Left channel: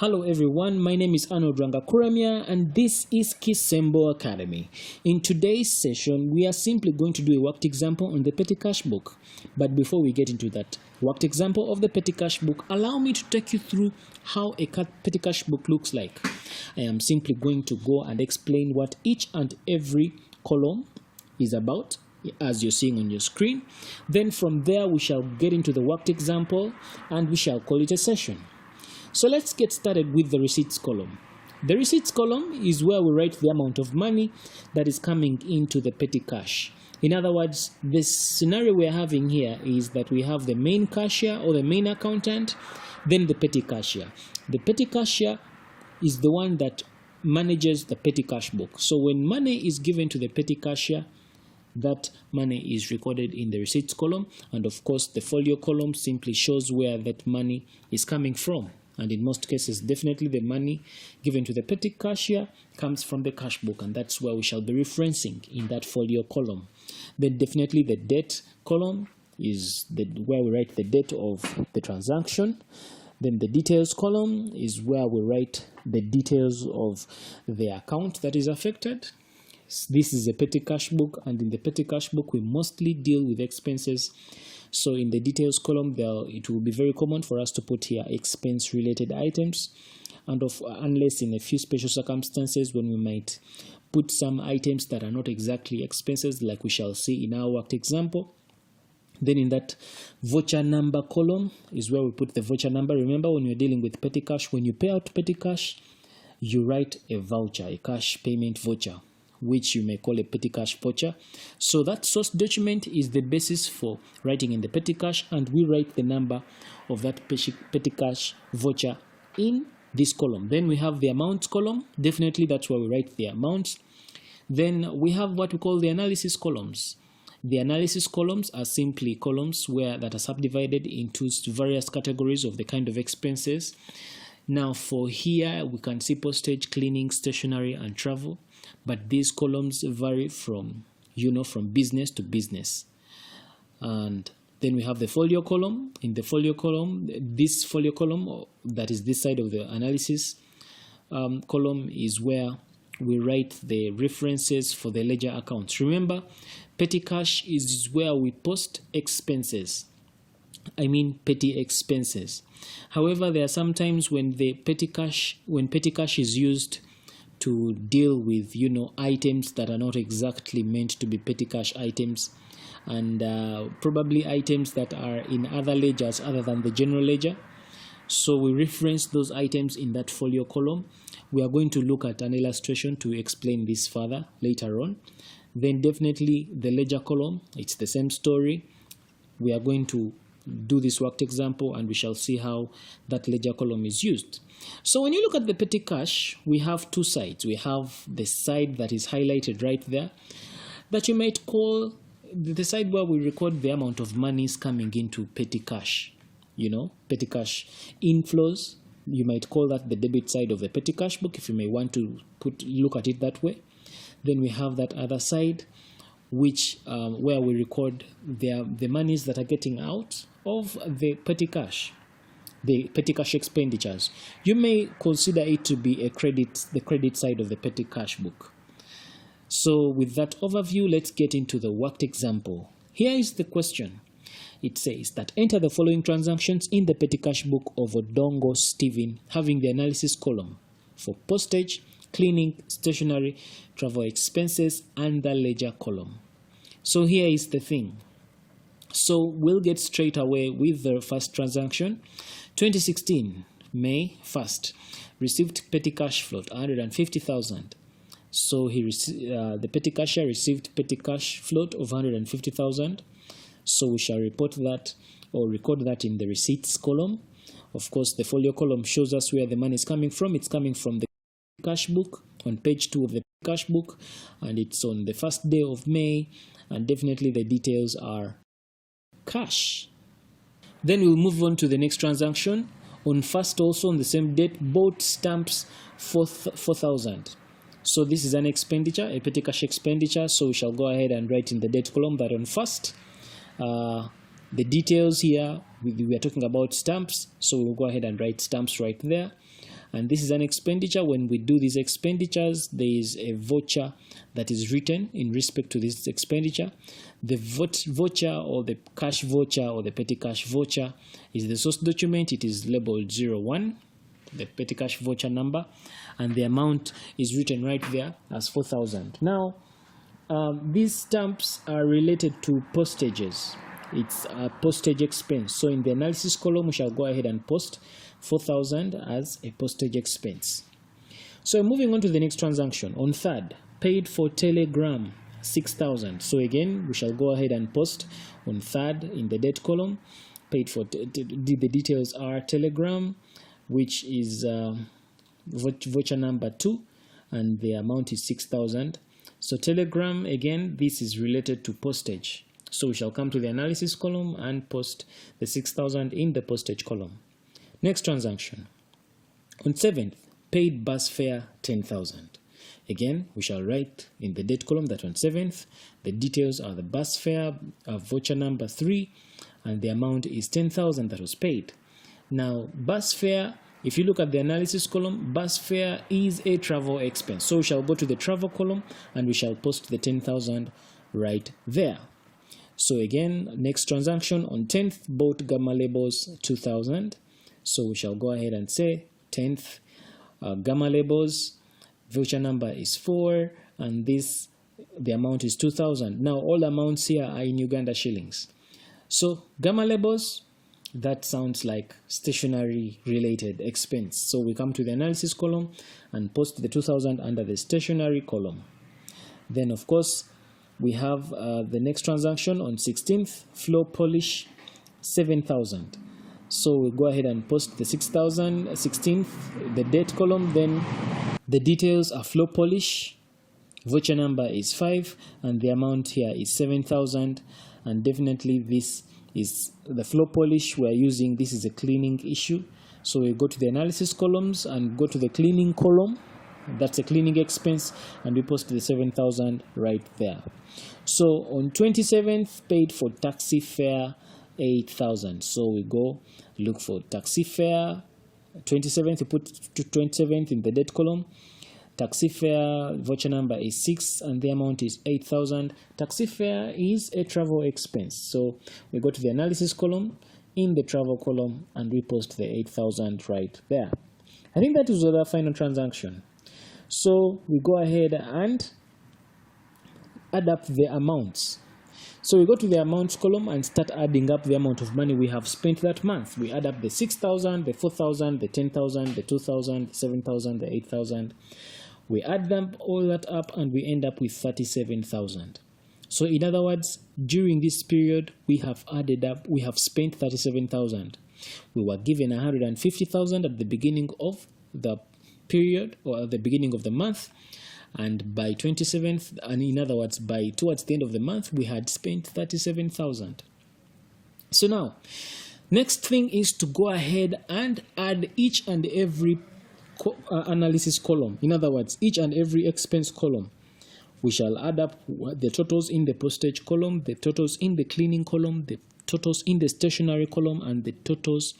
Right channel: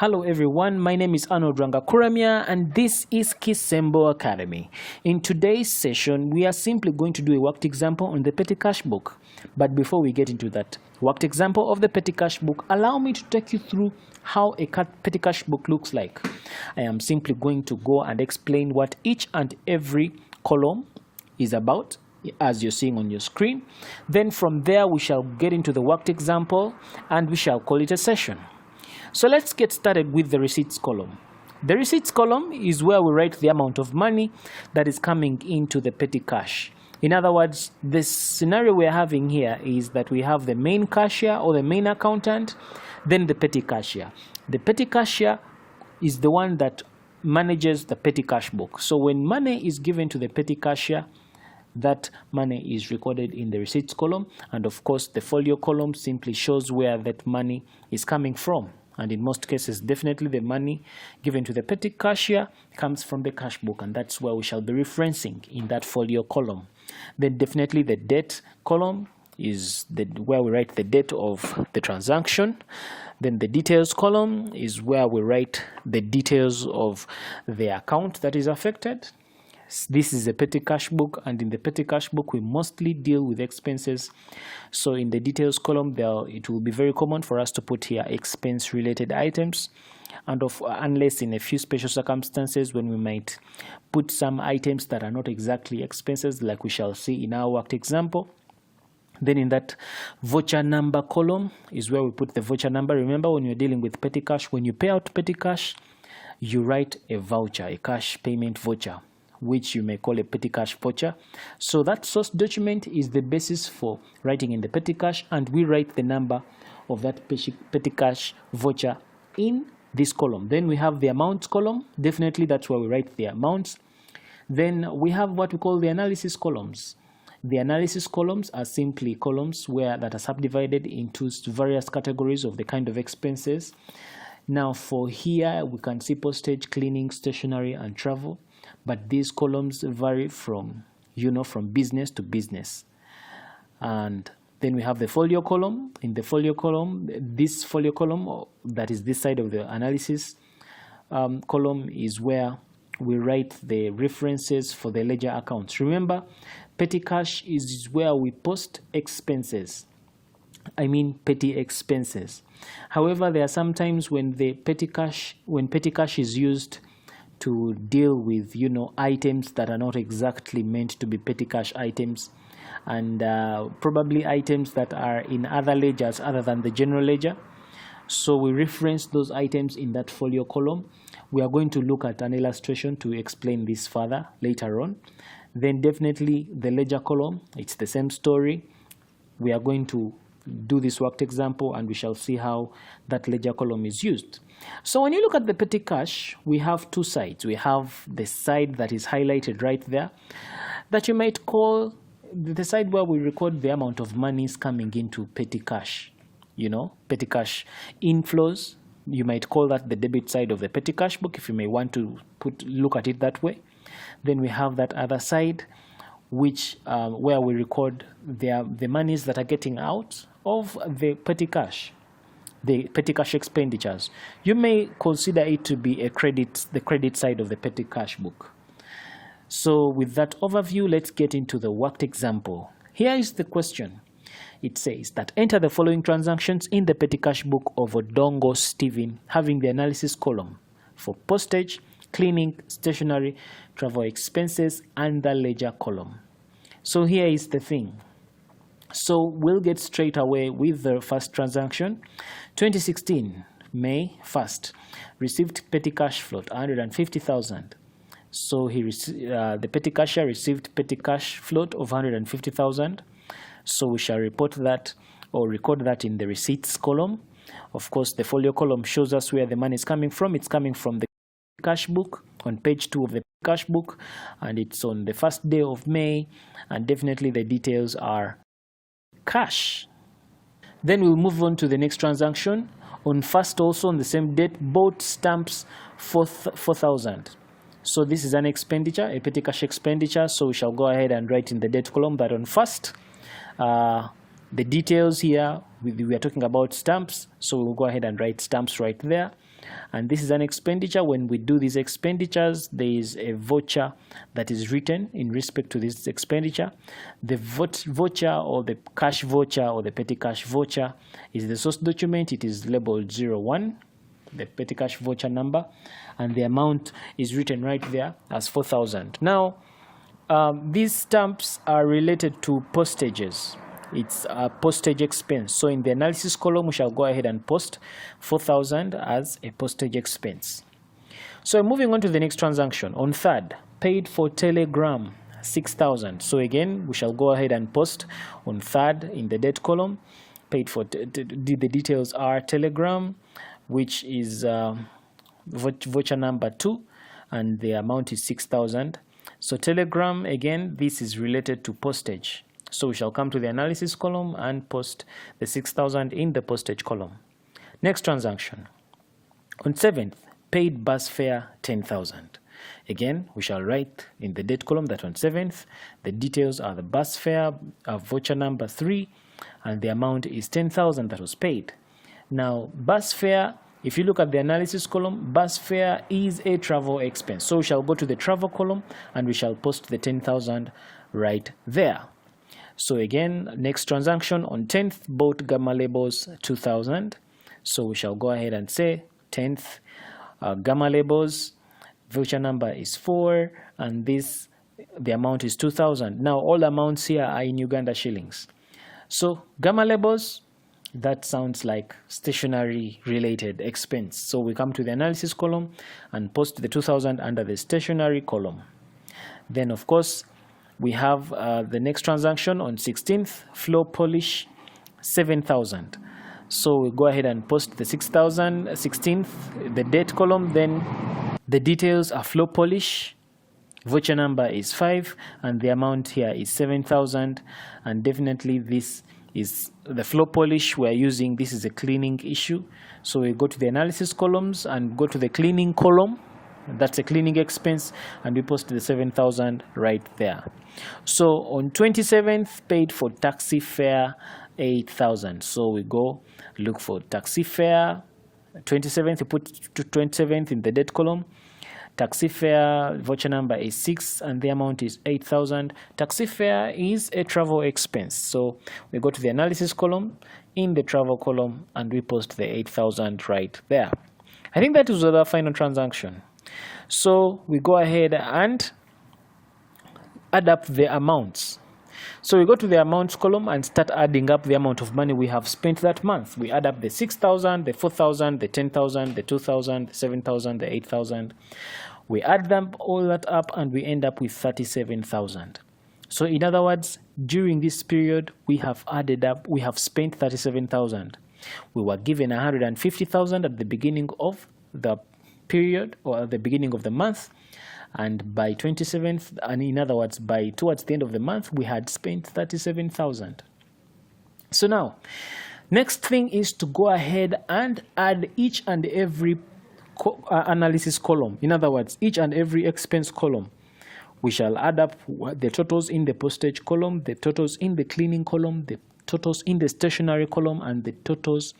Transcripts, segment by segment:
Hello everyone, my name is Arnold Rangakuramia and this is Kisembo Academy. In today's session, we are simply going to do a worked example on the petty cash book. But before we get into that worked example of the petty cash book, allow me to take you through how a petty cash book looks like. I am simply going to go and explain what each and every column is about, as you're seeing on your screen. Then from there, we shall get into the worked example and we shall call it a session. So let's get started with the receipts column. The receipts column is where we write the amount of money that is coming into the petty cash. In other words, the scenario we're having here is that we have the main cashier or the main accountant, then the petty cashier. The petty cashier is the one that manages the petty cash book. So when money is given to the petty cashier, that money is recorded in the receipts column, and of course the folio column simply shows where that money is coming from. And in most cases, definitely the money given to the petty cashier comes from the cash book, and that's where we shall be referencing in that folio column. Then definitely the date column is where we write the date of the transaction. Then the details column is where we write the details of the account that is affected. This is a petty cash book, and in the petty cash book we mostly deal with expenses. So in the details column it will be very common for us to put here expense related items, and unless in a few special circumstances when we might put some items that are not exactly expenses, like we shall see in our worked example. Then in that voucher number column is where we put the voucher number. Remember, when you're dealing with petty cash, when you pay out petty cash, you write a voucher, a cash payment voucher, which you may call a petty cash voucher. So that source document is the basis for writing in the petty cash, and we write the number of that petty cash voucher in this column. Then we have the amounts column. Definitely that's where we write the amounts. Then we have what we call the analysis columns. The analysis columns are simply columns that are subdivided into various categories of the kind of expenses. Now for here we can see postage, cleaning, stationery and travel. But these columns vary from business to business. And then we have the folio column. In the folio column, this folio column, that is this side of the analysis column, is where we write the references for the ledger accounts. Remember, petty cash is where we post expenses. I mean petty expenses. However, there are some times when petty cash is used to deal with items that are not exactly meant to be petty cash items, and probably items that are in other ledgers other than the general ledger. So we reference those items in that folio column. We are going to look at an illustration to explain this further later on. Then definitely the ledger column, it's the same story. We are going to do this worked example and we shall see how that ledger column is used. So when you look at the petty cash, we have two sides. We have the side that is highlighted right there, that you might call the side where we record the amount of monies coming into petty cash. Petty cash inflows. You might call that the debit side of the petty cash book, if you may want to look at it that way. Then we have that other side, which where we record the monies that are getting out of the petty cash. The petty cash expenditures. You may consider it to be the credit side of the petty cash book. So with that overview, let's get into the worked example. Here is the question. It says that enter the following transactions in the petty cash book of Odongo Stephen, having the analysis column for postage, cleaning, stationery, travel expenses, and the ledger column. So here is the thing. So we'll get straight away with the first transaction. 2016, May 1st, received petty cash float 150,000. So the petty cashier received petty cash float of 150,000. So we shall report that or record that in the receipts column. Of course, the folio column shows us where the money is coming from. It's coming from the cash book on page 2 of the cash book, and it's on the first day of May, and definitely the details are cash. Then we'll move on to the next transaction. On first, also on the same date, bought stamps for 4,000. So this is an expenditure, a petty cash expenditure. So we shall go ahead and write in the date column that on first, the details here, we are talking about stamps, so we'll go ahead and write stamps right there. and this is an expenditure. When we do these expenditures, there is a voucher that is written in respect to this expenditure. The voucher or the cash voucher or the petty cash voucher is the source document. It is labeled 01, the petty cash voucher number, and the amount is written right there as 4,000. Now, these stamps are related to postages. It's a postage expense. So in the analysis column, we shall go ahead and post 4,000 as a postage expense. So moving on to the next transaction. On 3rd, paid for telegram, 6,000. So again, we shall go ahead and post on 3rd in the date column. Paid for, the details are telegram, which is voucher number 2, and the amount is 6,000. So telegram, again, this is related to postage. So we shall come to the analysis column and post the 6,000 in the postage column. Next transaction. On 7th, paid bus fare, 10,000. Again, we shall write in the date column that on 7th, the details are the bus fare, voucher number 3, and the amount is 10,000 that was paid. Now, bus fare, if you look at the analysis column, bus fare is a travel expense. So we shall go to the travel column and we shall post the 10,000 right there. So again, next transaction on 10th, bought gamma labels, 2,000. So we shall go ahead and say 10th, gamma labels, voucher number is 4, and the amount is 2,000. Now all amounts here are in Uganda shillings. So gamma labels, that sounds like stationery related expense. So we come to the analysis column and post the 2,000 under the stationery column. Then of course, we have the next transaction on 16th, floor polish, 7,000. So we go ahead and post the 6,000, 16th, the date column. Then the details are floor polish, voucher number is 5, and the amount here is 7,000. And definitely this is the floor polish we're using. This is a cleaning issue. So we go to the analysis columns and go to the cleaning column. That's a cleaning expense, and we post the 7,000 right there. So on 27th, paid for taxi fare, 8,000. So we go look for taxi fare. 27th, you put to 27th in the date column. Taxi fare, voucher number is 6, and the amount is 8,000. Taxi fare is a travel expense. So we go to the analysis column in the travel column, and we post the 8,000 right there. I think that is our final transaction. So we go ahead and add up the amounts. So we go to the amounts column and start adding up the amount of money we have spent that month. We add up the 6,000, the 4,000, the 10,000, the 2,000, the 7,000, the 8,000. We add them all that up and we end up with 37,000. So in other words, during this period, we have spent 37,000. We were given 150,000 at the beginning of the period or at the beginning of the month, and by 27th, and in other words, by towards the end of the month, we had spent 37,000. So now, next thing is to go ahead and add each and every analysis column. In other words, each and every expense column. We shall add up the totals in the postage column, the totals in the cleaning column, the totals in the stationery column, and the totals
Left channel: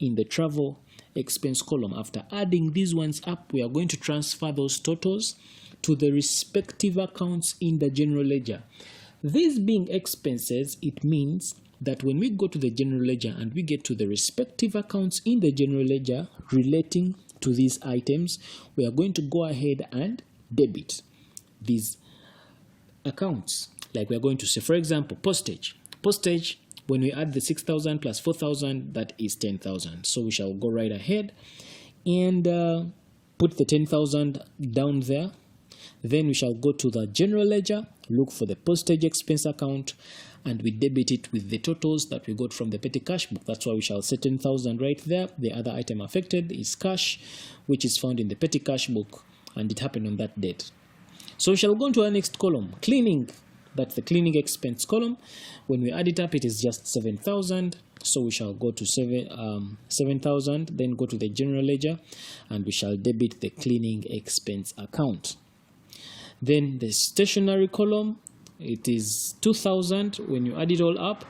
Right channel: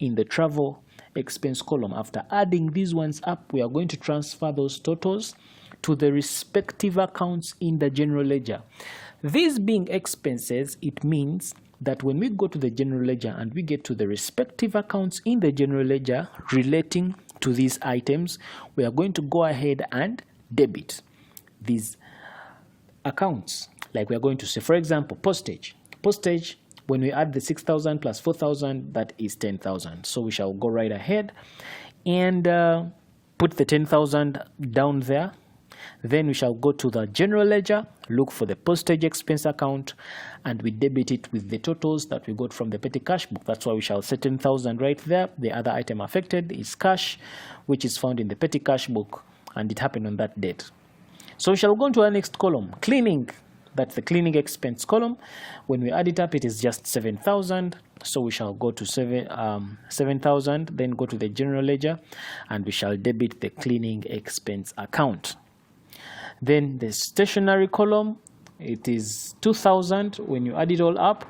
in the travel expense column. After adding these ones up, we are going to transfer those totals to the respective accounts in the general ledger. These being expenses, it means that when we go to the general ledger and we get to the respective accounts in the general ledger relating to these items, we are going to go ahead and debit these accounts. Like we are going to say, for example, postage. Postage, when we add the 6,000 plus 4,000, that is 10,000. So we shall go right ahead and put the 10,000 down there. Then we shall go to the general ledger, look for the postage expense account, and we debit it with the totals that we got from the petty cash book. That's why we shall set 10,000 right there. The other item affected is cash, which is found in the petty cash book, and it happened on that date. So we shall go into our next column, cleaning. That's the cleaning expense column. When we add it up, it is just 7,000. So we shall go to 7,000, then go to the general ledger, and we shall debit the cleaning expense account. Then the stationery column, it is 2,000 when you add it all up.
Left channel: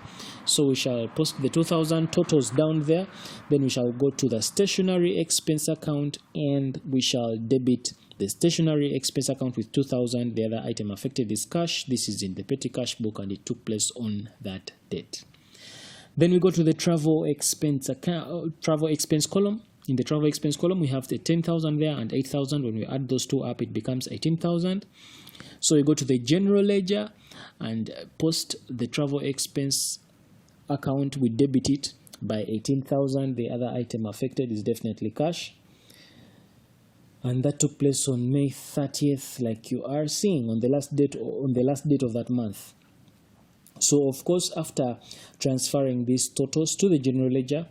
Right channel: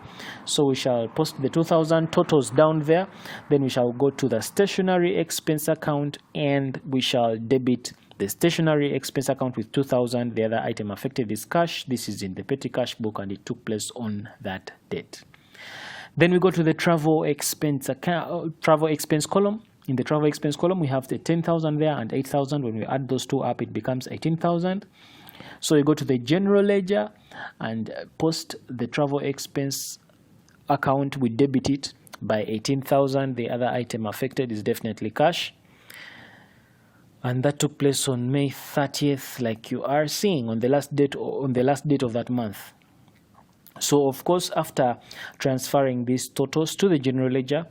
So we shall post the 2,000 totals down there. Then we shall go to the stationery expense account and we shall debit the stationery expense account with 2,000. The other item affected is cash. This is in the petty cash book and it took place on that date. Then we go to the travel expense account, travel expense column. In the travel expense column, we have the 10,000 there and 8,000. When we add those two up, it becomes 18,000. So we go to the general ledger and post the travel expense account. We debit it by 18,000. The other item affected is definitely cash. And that took place on May 30th, like you are seeing on the last date of that month. So of course, after transferring these totals to the general ledger,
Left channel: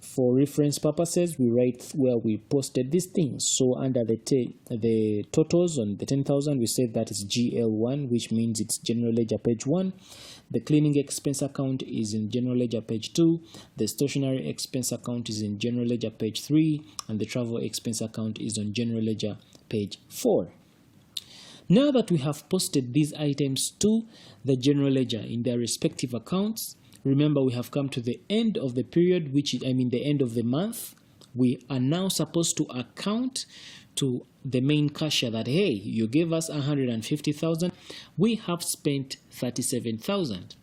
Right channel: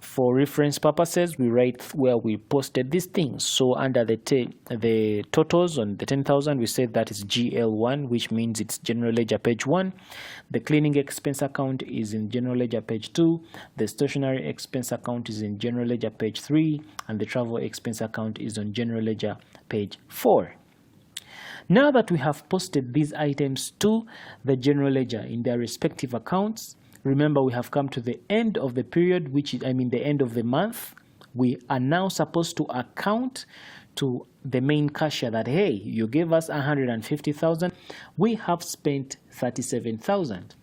for reference purposes, we write where we posted these things. So under the totals on the 10,000, we said that is GL1, which means it's general ledger page 1. The cleaning expense account is in general ledger page 2. The stationery expense account is in general ledger page 3. And the travel expense account is on general ledger page 4. Now that we have posted these items to the general ledger in their respective accounts, remember we have come to the end of the period, which is, the end of the month. We are now supposed to account to the main cashier that, hey, you gave us 150,000. We have spent 37,000.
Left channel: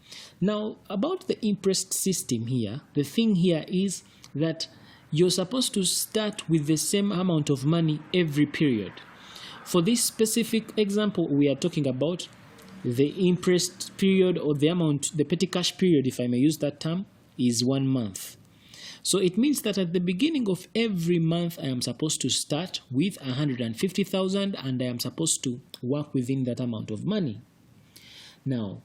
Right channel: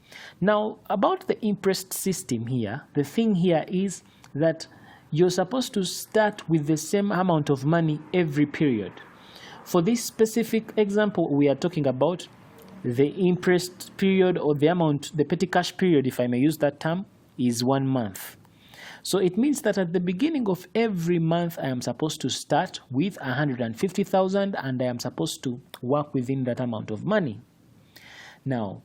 Now, about the Imprest system here, the thing here is that you're supposed to start with the same amount of money every period. For this specific example, we are talking about the Imprest period, or the petty cash period, if I may use that term, is 1 month. So it means that at the beginning of every month, I am supposed to start with 150,000 and I am supposed to work within that amount of money. Now,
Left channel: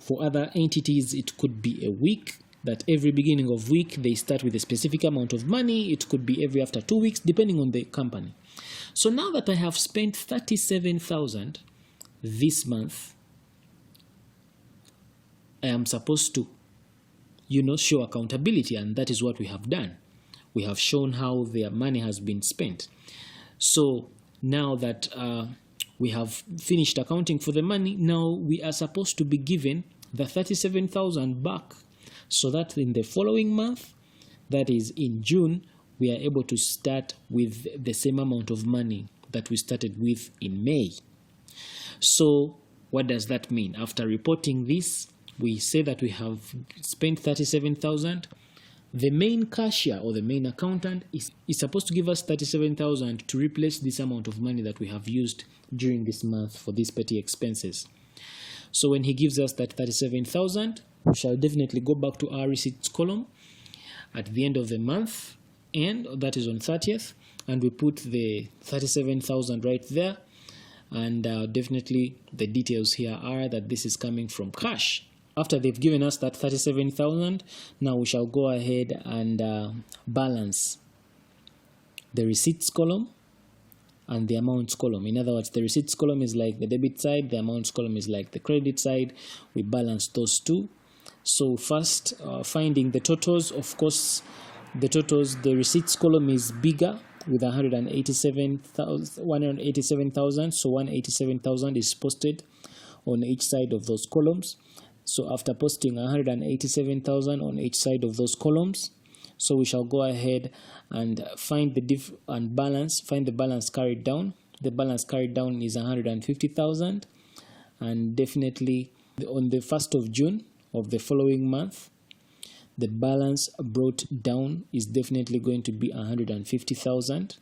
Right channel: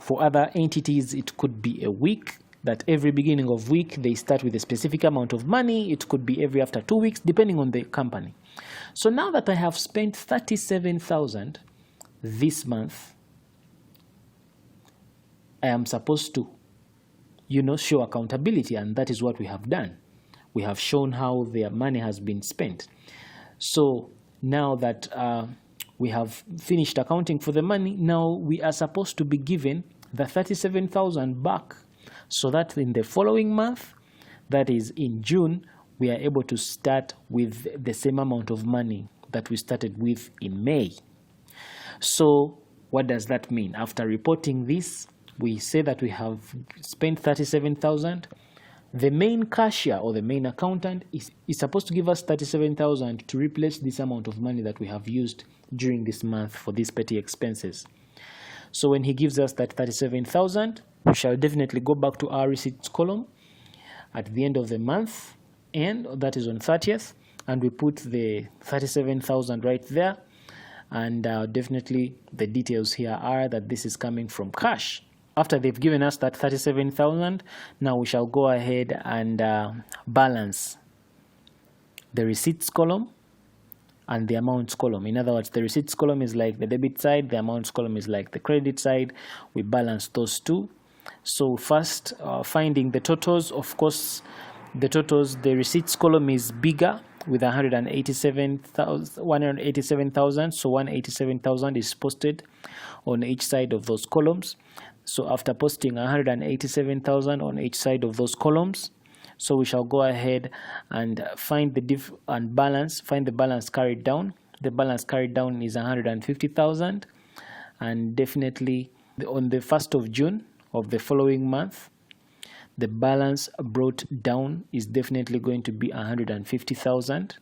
for other entities, it could be a week, that every beginning of week, they start with a specific amount of money. It could be every after 2 weeks, depending on the company. So now that I have spent 37,000 this month, I am supposed to, show accountability, and that is what we have done. We have shown how their money has been spent. So now that we have finished accounting for the money, now we are supposed to be given the 37,000 back, so that in the following month, that is in June, we are able to start with the same amount of money that we started with in May. So what does that mean? After reporting this, we say that we have spent 37,000. The main cashier or the main accountant is supposed to give us 37,000 to replace this amount of money that we have used during this month for these petty expenses. So when he gives us that 37,000, we shall definitely go back to our receipts column at the end of the month, and that is on 30th, and we put the 37,000 right there. And definitely the details here are that this is coming from cash. After they've given us that 37,000, now we shall go ahead and balance the receipts column and the amounts column. In other words, the receipts column is like the debit side, the amounts column is like the credit side. We balance those two. So first, finding the totals. Of course, the receipts column is bigger with 187,000. So 187,000 is posted on each side of those columns. So after posting 187,000 on each side of those columns, so we shall go ahead and find the balance carried down. The balance carried down is 150,000, and definitely on the 1st of June of the following month, the balance brought down is definitely going to be 150,000,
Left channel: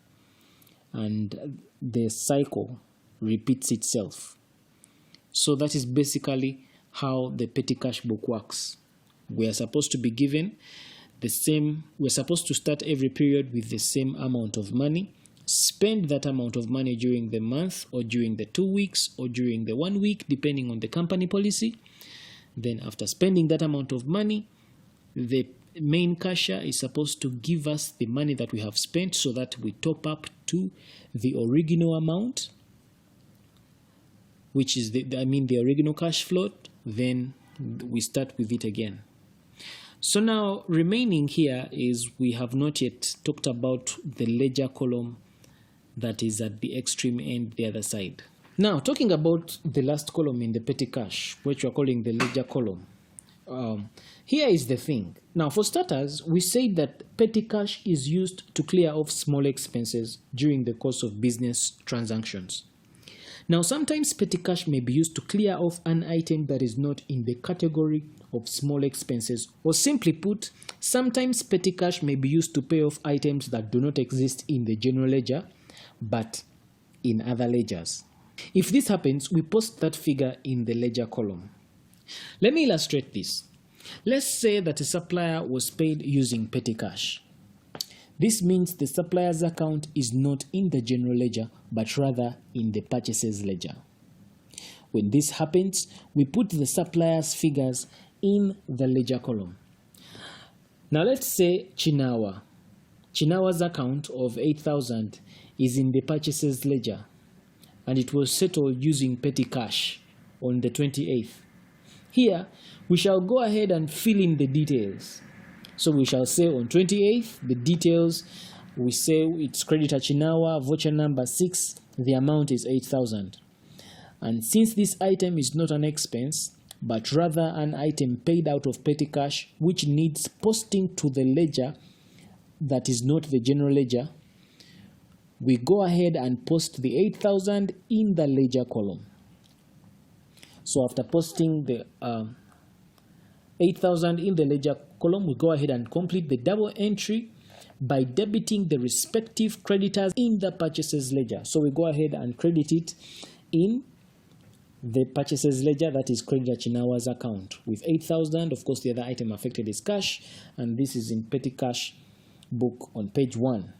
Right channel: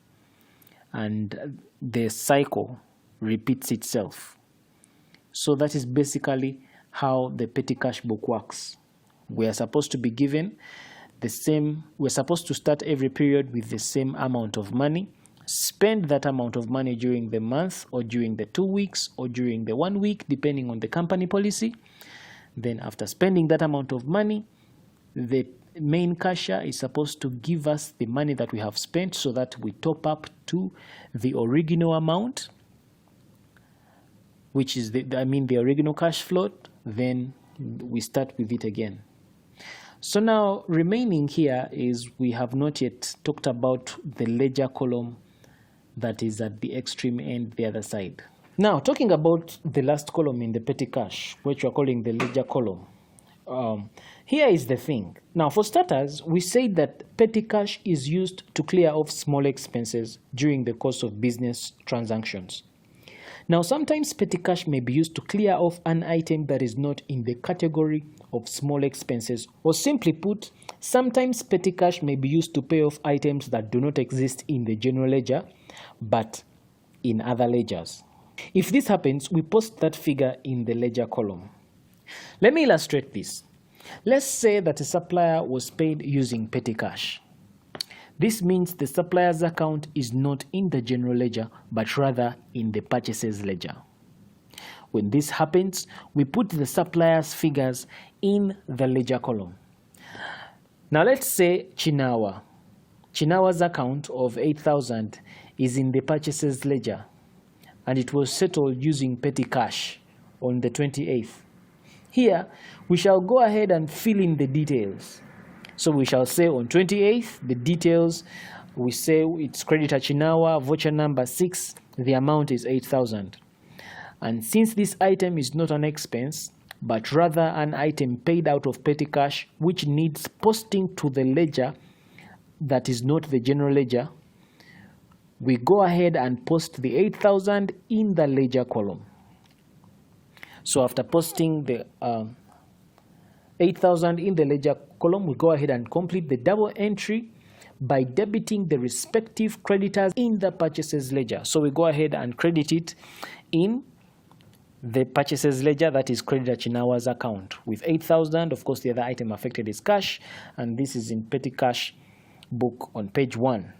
and the cycle repeats itself. So that is basically how the petty cash book works. We are supposed to be given we're supposed to start every period with the same amount of money, spend that amount of money during the month or during the 2 weeks or during the 1 week, depending on the company policy. Then after spending that amount of money, the main cashier is supposed to give us the money that we have spent so that we top up to the original amount, which is the original cash float. Then we start with it again. So now remaining here is we have not yet talked about the ledger column that is at the extreme end, the other side. Now, talking about the last column in the petty cash, which we're calling the ledger column. Here is the thing. Now, for starters, we say that petty cash is used to clear off small expenses during the course of business transactions. Now, sometimes petty cash may be used to clear off an item that is not in the category of small expenses, or simply put, sometimes petty cash may be used to pay off items that do not exist in the general ledger, but in other ledgers. If this happens, we post that figure in the ledger column. Let me illustrate this. Let's say that a supplier was paid using petty cash. This means the supplier's account is not in the general ledger, but rather in the purchases ledger. When this happens, we put the supplier's figures in the ledger column. Now let's say Chinawa. Chinawa's account of 8,000 is in the purchases ledger, and it was settled using petty cash on the 28th. Here, we shall go ahead and fill in the details. So we shall say on 28th, the details, we say it's creditor Chinawa, voucher number 6, the amount is 8,000. And since this item is not an expense, but rather an item paid out of petty cash, which needs posting to the ledger that is not the general ledger, we go ahead and post the 8,000 in the ledger column. So after posting the 8,000 in the ledger column, we go ahead and complete the double entry by debiting the respective creditors in the purchases ledger. So we go ahead and credit it in the purchases ledger, that is creditor Chinawa's account, with 8,000. Of course, the other item affected is cash, and this is in petty cash book on page 1.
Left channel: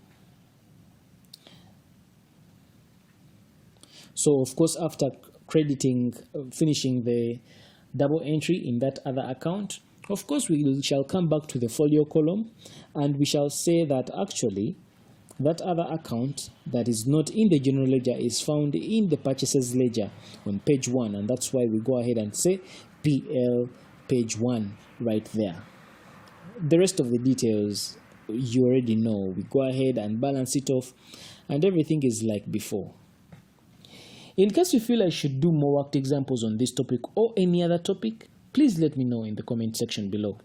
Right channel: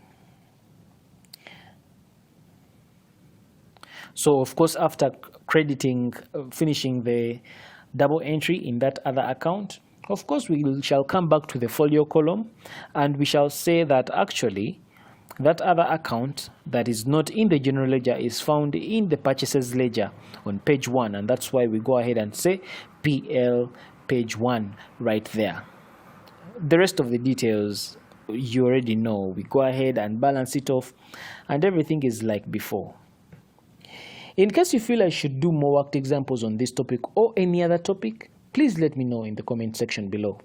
So of course, after finishing the double entry in that other account, of course we shall come back to the folio column, and we shall say that actually that other account that is not in the general ledger is found in the purchases ledger on page 1, and that's why we go ahead and say PL page 1 right there. The rest of the details you already know. We go ahead and balance it off, and everything is like before. In case you feel I should do more worked examples on this topic or any other topic, please let me know in the comment section below.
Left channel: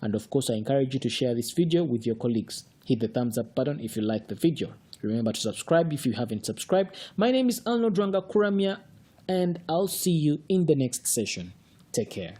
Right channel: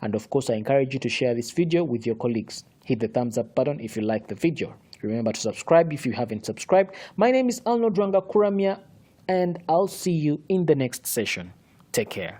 And of course, I encourage you to share this video with your colleagues. Hit the thumbs up button if you like the video. Remember to subscribe if you haven't subscribed. My name is Arnold Ranga Kuramia, and I'll see you in the next session. Take care.